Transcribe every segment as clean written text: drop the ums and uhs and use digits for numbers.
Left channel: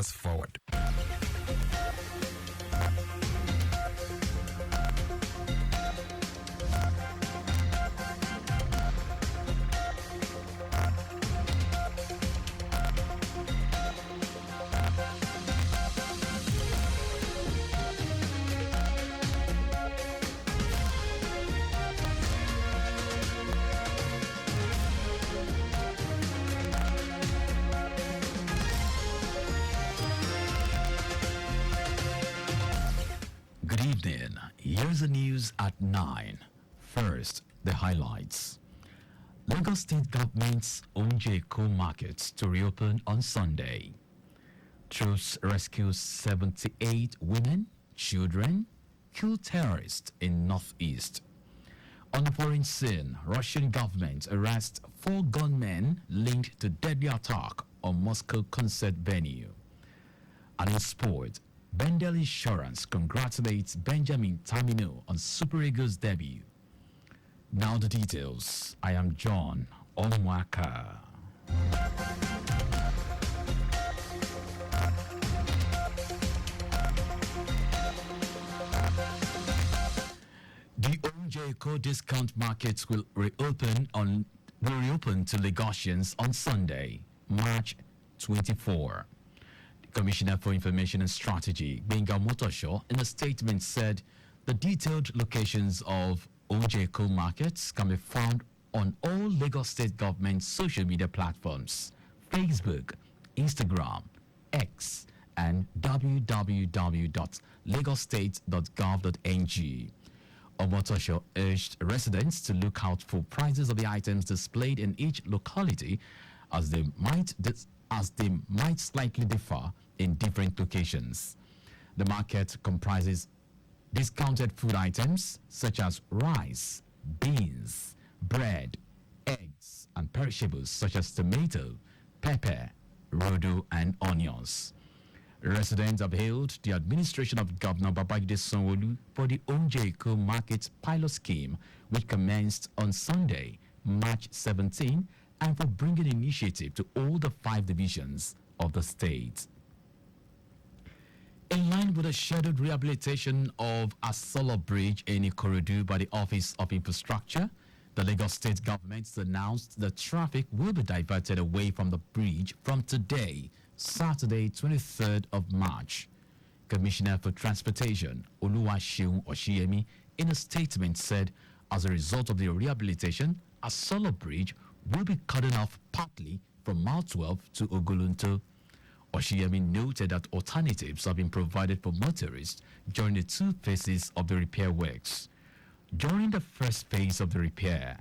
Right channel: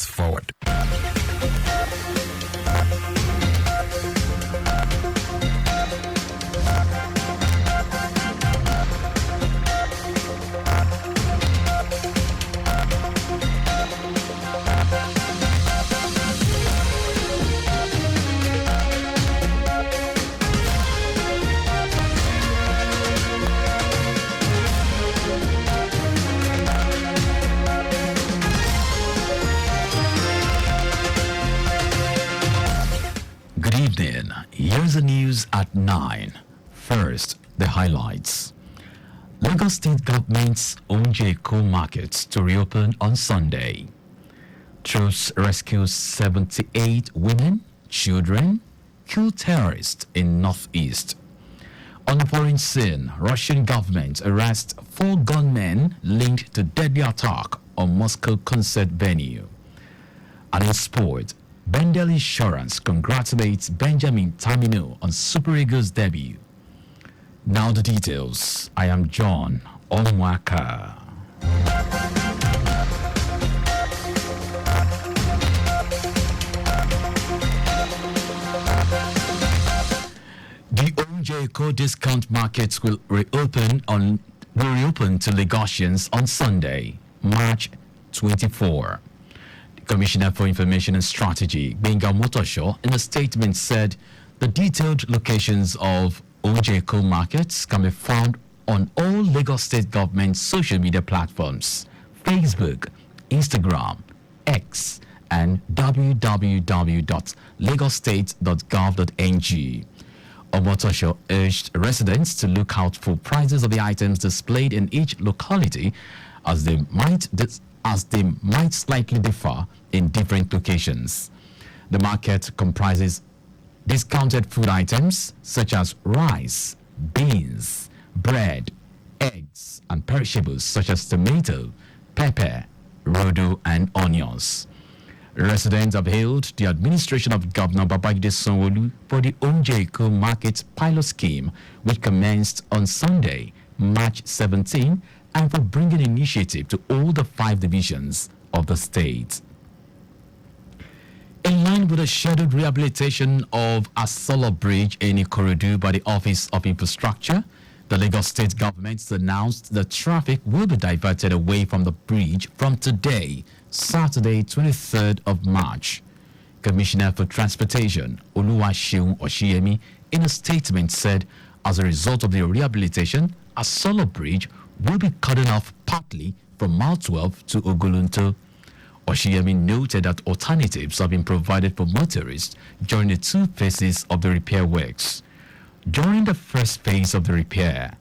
us forward. Good evening. Here's the news at 9. First, the highlights. Lagos State government's Omoaka markets to reopen on Sunday. Troops rescue 78 women, children, kill terrorists in northeast. On foreign scene, Russian government arrests 4 gunmen linked to deadly attack on Moscow concert venue. And in sport, Bendel Insurance congratulates Benjamin Tamino on Super Eagles debut. Now the details. I am John Omoaka. The Omoaka discount markets will reopen to Lagosians on Sunday, March 24. Commissioner for Information and Strategy, Benga Motosho, in a statement said the detailed locations of Omoaka markets can be found on all Lagos State government social media platforms, Facebook, Instagram, X, and www.lagosstate.gov.ng. Omotosho urged residents to look out for prices of the items displayed in each locality as they might slightly differ in different locations. The market comprises discounted food items such as rice, beans, bread, eggs, and perishables such as tomato, pepper, rodo, and onions. Residents have hailed the administration of Governor Babajide Sanwo-Olu for the Omoaka Market pilot scheme, which commenced on Sunday, March 17, and for bringing initiative to all the 5 divisions of the state. In line with the scheduled rehabilitation of Asolo Bridge in Ikorodu by the Office of Infrastructure, the Lagos State government announced that traffic will be diverted away from the bridge from today, Saturday, 23rd of March. Commissioner for Transportation, Oluwaseun Oshiyemi, in a statement said, as a result of the rehabilitation, Asolo Bridge will be cut off partly from Mile 12 to Ogolonto. Oshiyemi noted that alternatives have been provided for motorists during the 2 phases of the repair works. During the first phase of the repair,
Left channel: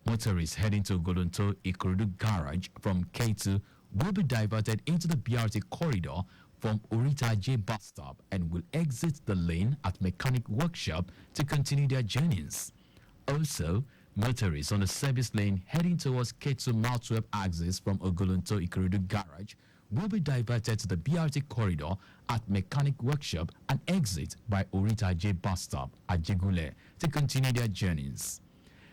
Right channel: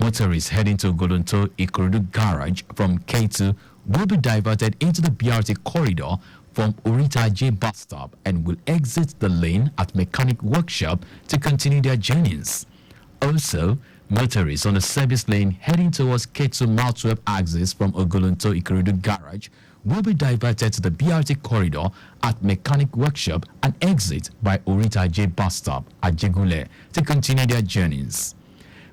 motorists heading to Ogolonto Ikorodu Garage from K2 will be diverted into the BRT corridor from Orita J bus stop and will exit the lane at Mechanic Workshop to continue their journeys. Also, motorists on the service lane heading towards K2 Mile 12 axis from Ogolonto Ikorodu Garage will be diverted to the BRT corridor at Mechanic Workshop and exit by Orita J bus stop at Jegule to continue their journeys.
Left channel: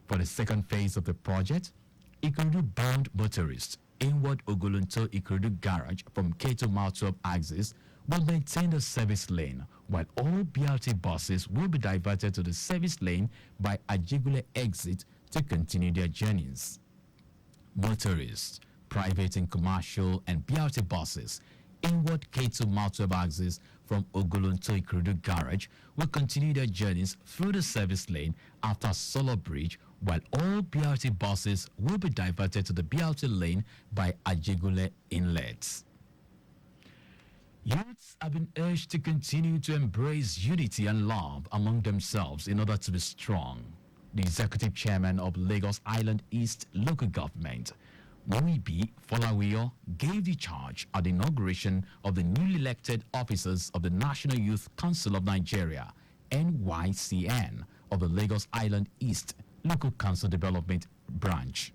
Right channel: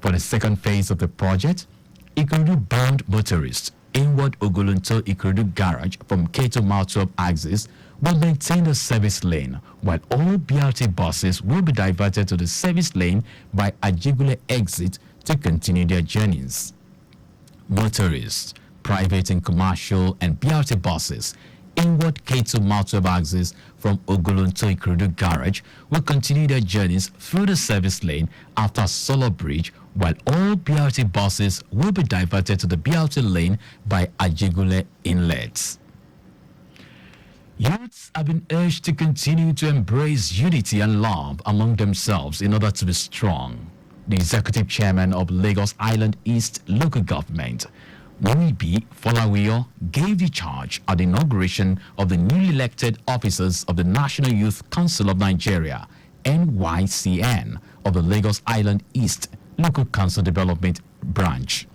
For the second phase of the project, Ikorodu bound motorists inward Ogolonto Ikorodu Garage from K2 Mile 12 axis will maintain the service lane, while all BRT buses will be diverted to the service lane by Ajigule exit to continue their journeys. Motorists, private and commercial, and BRT buses inward K2 Mile 12 axis from Ogolonto Ikorodu Garage will continue their journeys through the service lane after Solo Bridge, while all BRT buses will be diverted to the BRT lane by Ajigule Inlet. Youths have been urged to continue to embrace unity and love among themselves in order to be strong. The executive chairman of Lagos Island East Local Government, Monibi Folawiyo, gave the charge at the inauguration of the newly elected officers of the National Youth Council of Nigeria, NYCN, of the Lagos Island East Local Council Development Branch.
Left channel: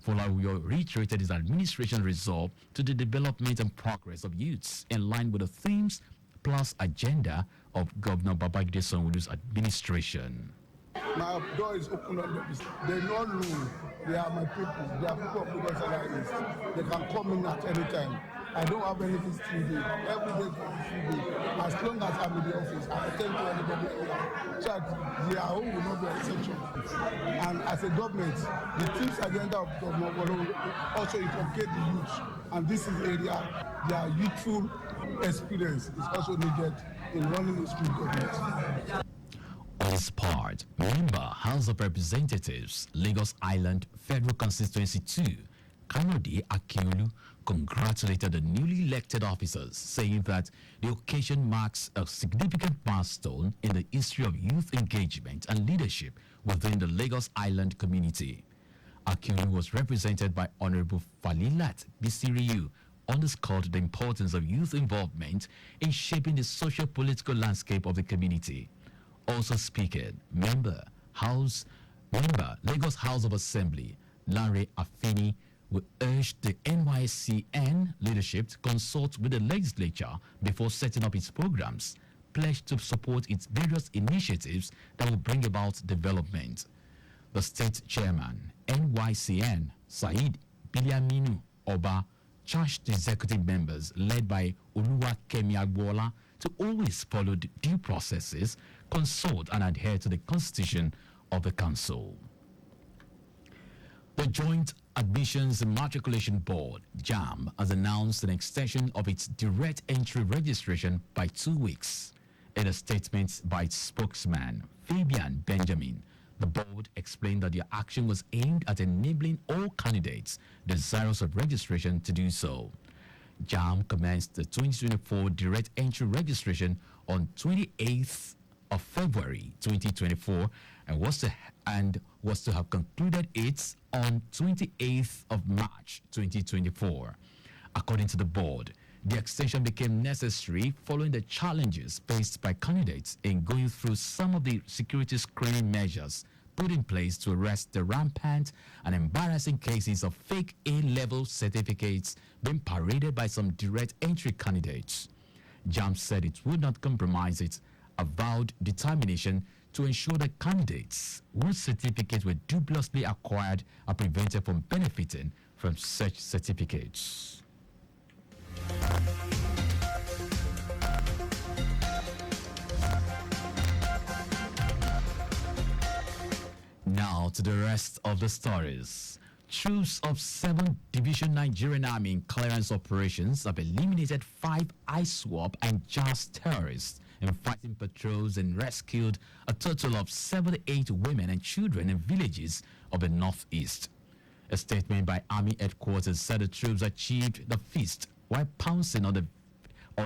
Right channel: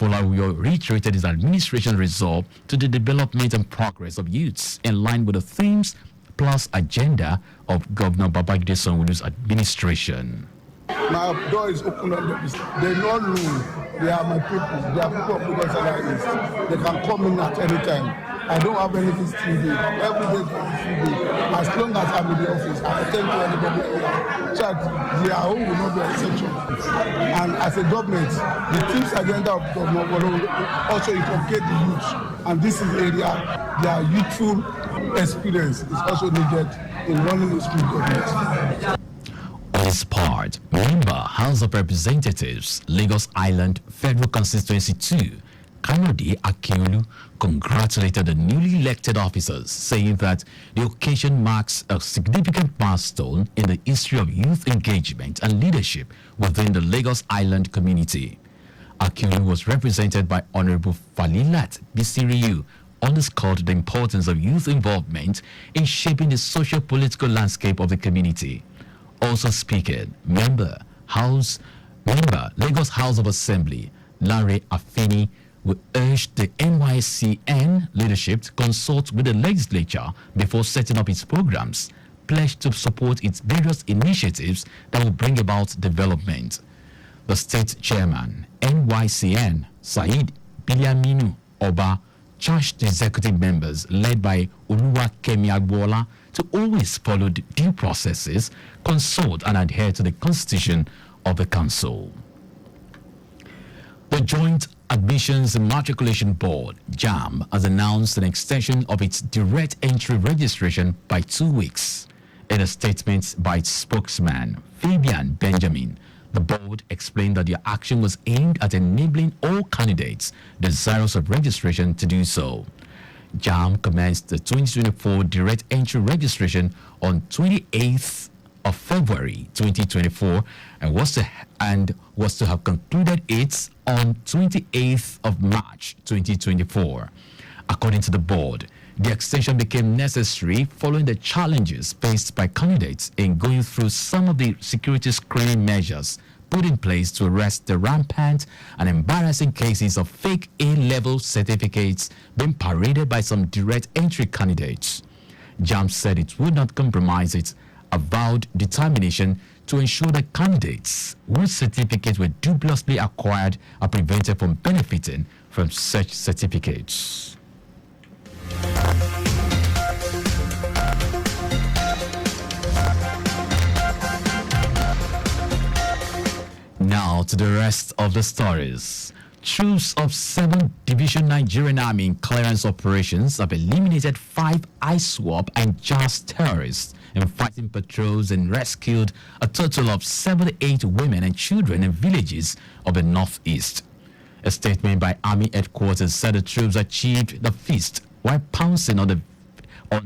Folawiyo reiterated his administration's resolve to the development and progress of youths in line with the themes plus agenda of Governor Babajide Sanwo-Olu's administration. My door is open up. They know room. They are my people. They are people of Lagos Island East. They can come in at any time. I don't have anything to do. Every day is free day. As long as I'm in the office, I attend to anybody here. So their home will not be an exception. And as a government, the team's agenda of government will also inculcate the youth. And this is area their youthful experience is also needed in running the school government. On his part, member House of Representatives, Lagos Island Federal Constituency 2, Kayode Akiolu, congratulated the newly elected officers, saying that the occasion marks a significant milestone in the history of youth engagement and leadership within the Lagos Island community. Akiolu was represented by Honorable Falilat Bisiriyu, underscored the importance of youth involvement in shaping the socio-political landscape of the community. Also speaking, Lagos House of Assembly, Larry Afeni, will urge the NYCN leadership to consult with the legislature before setting up its programs, pledged to support its various initiatives that will bring about development. The state chairman, NYCN, Said Bilyaminu Oba, charged the executive members led by Oluwakemi Agbola to always follow the due processes, consult and adhere to the constitution of the council. The Joint Admissions and Matriculation Board, JAM, has announced an extension of its direct entry registration by 2 weeks. In a statement by its spokesman, Fabian Benjamin, the board explained that the action was aimed at enabling all candidates desirous of registration to do so. JAM commenced the 2024 direct entry registration on 28th of February 2024 and was to have concluded it on 28th of March 2024. According to the board, the extension became necessary following the challenges faced by candidates in going through some of the security screening measures put in place to arrest the rampant and embarrassing cases of fake A-level certificates being paraded by some direct entry candidates. JAM said it would not compromise its avowed determination to ensure that candidates whose certificates were dubiously acquired are prevented from benefiting from such certificates. Now to the rest of the stories. Troops of 7th Division Nigerian Army clearance operations have eliminated 5 ISWAP and JAS terrorists in fighting patrols and rescued a total of 78 women and children in villages of the northeast. A statement by Army headquarters said the troops achieved the feast while pouncing on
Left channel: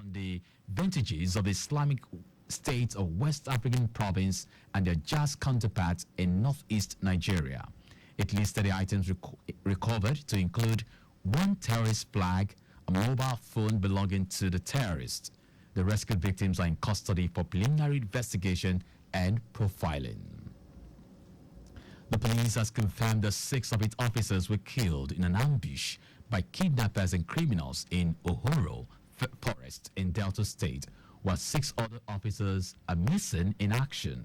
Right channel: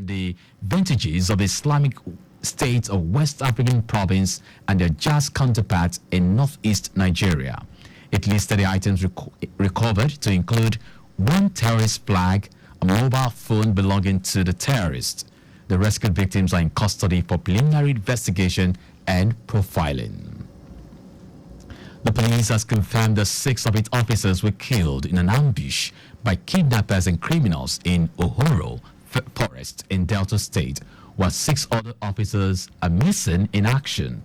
the vintages of the Islamic State of West African province and their JAS counterparts in northeast Nigeria. It listed the items recovered to include 1 terrorist flag, a mobile phone belonging to the terrorists. The rescued victims are in custody for preliminary investigation and profiling. The police has confirmed that 6 of its officers were killed in an ambush by kidnappers and criminals in Ohoro Forest in Delta State, while 6 other officers are missing in action.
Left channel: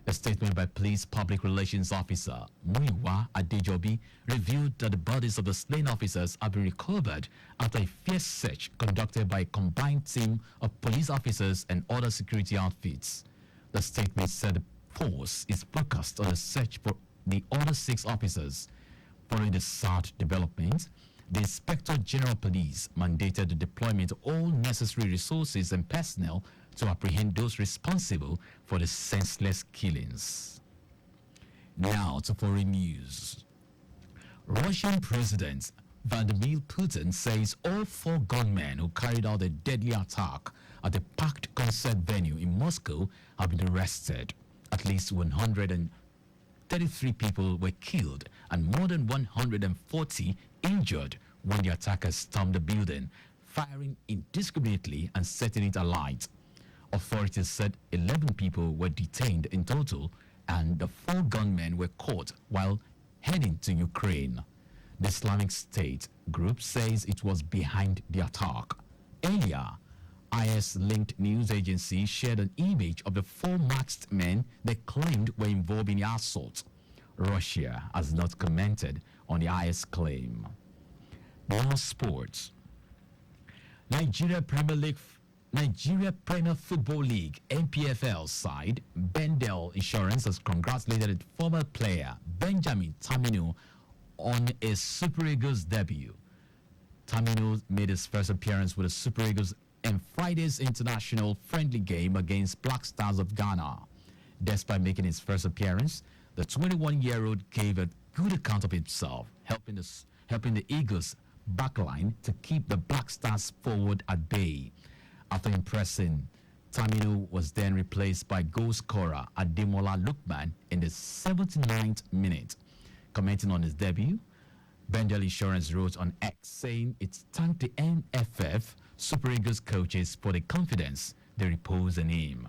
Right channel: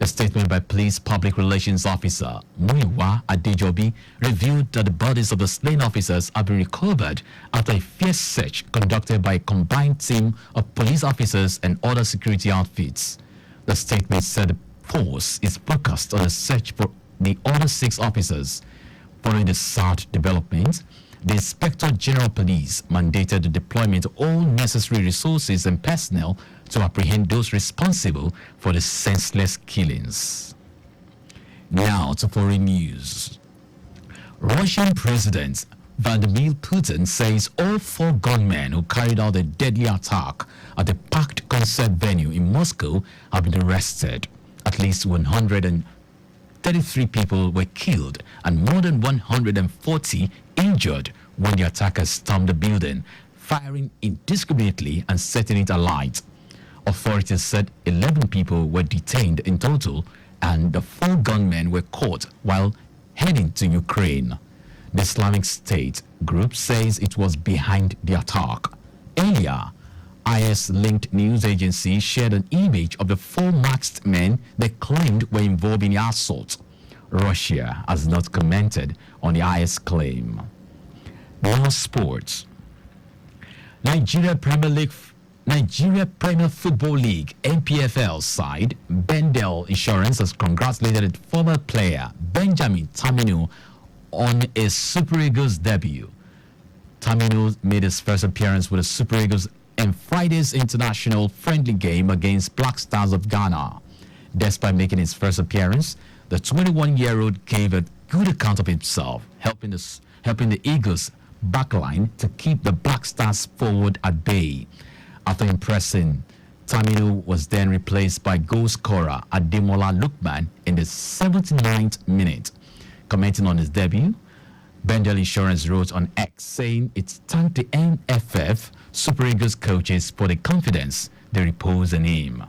A statement by Police Public Relations Officer Muiwa Adejobi revealed that the bodies of the slain officers have been recovered after a fierce search conducted by a combined team of police officers and other security outfits. The statement said the force is focused on a search for the other 6 officers. Following the SART development, the Inspector General of Police mandated the deployment of all necessary resources and personnel to apprehend those responsible for the senseless killings. Now to foreign news. Russian President Vladimir Putin says all 4 gunmen who carried out the deadly attack at a packed concert venue in Moscow have been arrested. At least 133 people were killed and more than 140 injured when the attackers stormed the building, firing indiscriminately and setting it alight. Authorities said 11 people were detained in total and the 4 gunmen were caught while heading to Ukraine. The Islamic State group says it was behind the attack. Earlier, IS-linked news agency shared an image of the 4 masked men they claimed were involved in the assault. Russia has not commented on the IS claim. More sports. Nigeria Premier League, Nigeria Premier Football League (NPFL) side Bendel Insurance has congratulated former player Benjamin Taminu on a Super Eagles debut. Taminu made his first appearance with the Super Eagles in Friday's international friendly game against Black Stars of Ghana. Despite making his first appearance, the 21-year-old gave a good account of himself, helping the Eagles backline to keep the Black Stars forward at bay. After impressing, Taminu was then replaced by goal scorer Ademola Lookman in the 79th minute. Commenting on his debut, Bendel Insurance wrote on X saying it's thanked the NFF Super Eagles coaches for the confidence they repose in him.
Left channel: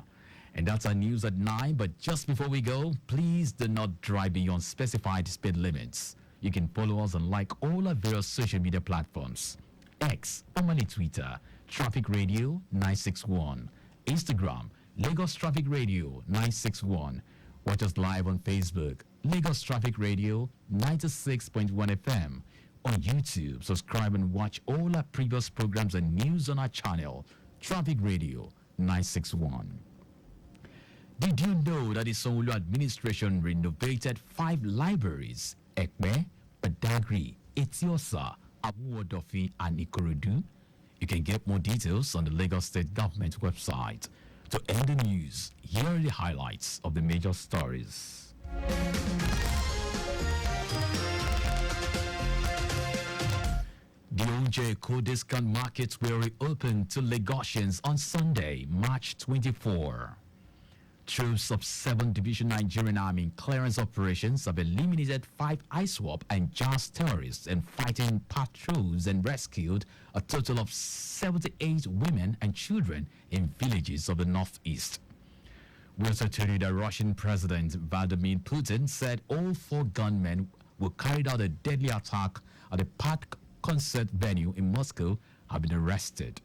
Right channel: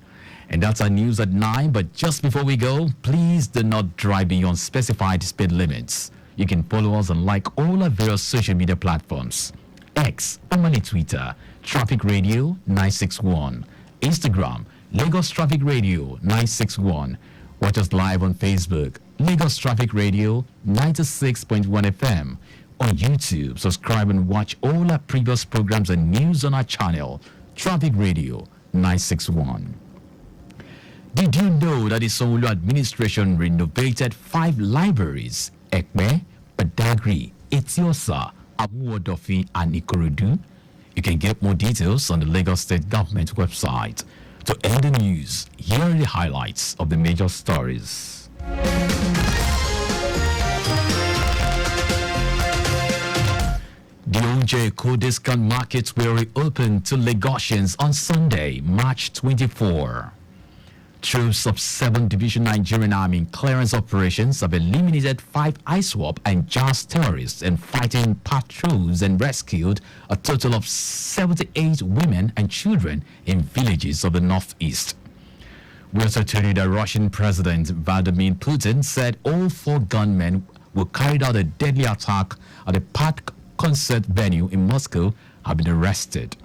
And that's our news at 9, but just before we go, please do not drive beyond specified speed limits. You can follow us and like all our various social media platforms. X, formerly Twitter, Traffic Radio 961. Instagram, Lagos Traffic Radio 961. Watch us live on Facebook, Lagos Traffic Radio 96.1 FM. On YouTube, subscribe and watch all our previous programs and news on our channel, Traffic Radio 961. Did you know that the Sanwo-Olu administration renovated 5 libraries, Ekpe, Badagry, Etiosa, Amuodofin, and Ikorodu? You can get more details on the Lagos State Government website. To end the news, here are the highlights of the major stories. The Onjeko discount markets will reopen to Lagosians on Sunday, March 24. Troops of 7th Division Nigerian Army clearance operations have eliminated 5 ISWAP and JAS terrorists and fighting patrols and rescued a total of 78 women and children in villages of the northeast. We also told you that Russian President Vladimir Putin said all 4 gunmen who carried out a deadly attack at a park concert venue in Moscow have been arrested.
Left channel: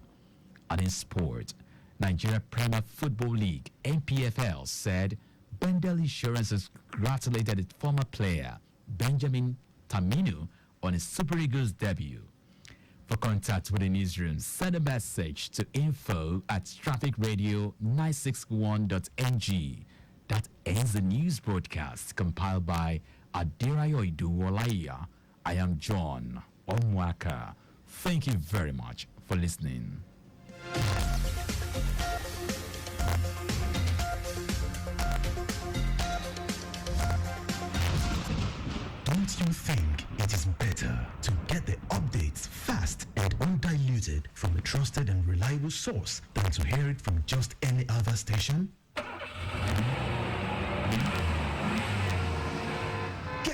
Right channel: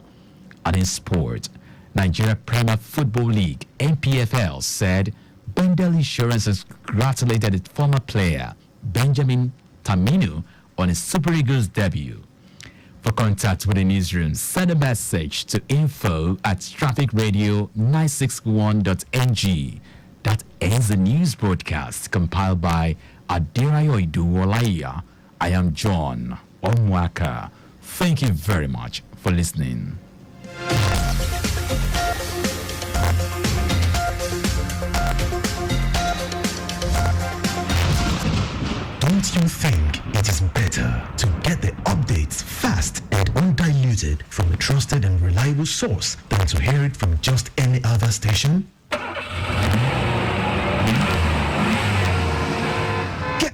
And in sport, Nigeria Premier Football League (NPFL) said Bendel Insurance has congratulated its former player Benjamin Taminu on his Super Eagles debut. For contact with the newsroom, send a message to info@trafficradio961.ng. That ends the news broadcast compiled by Adirayo Iduwolaiya. I am John Omoaka. Thank you very much for listening. Don't you think it is better to get the updates fast and undiluted from a trusted and reliable source than to hear it from just any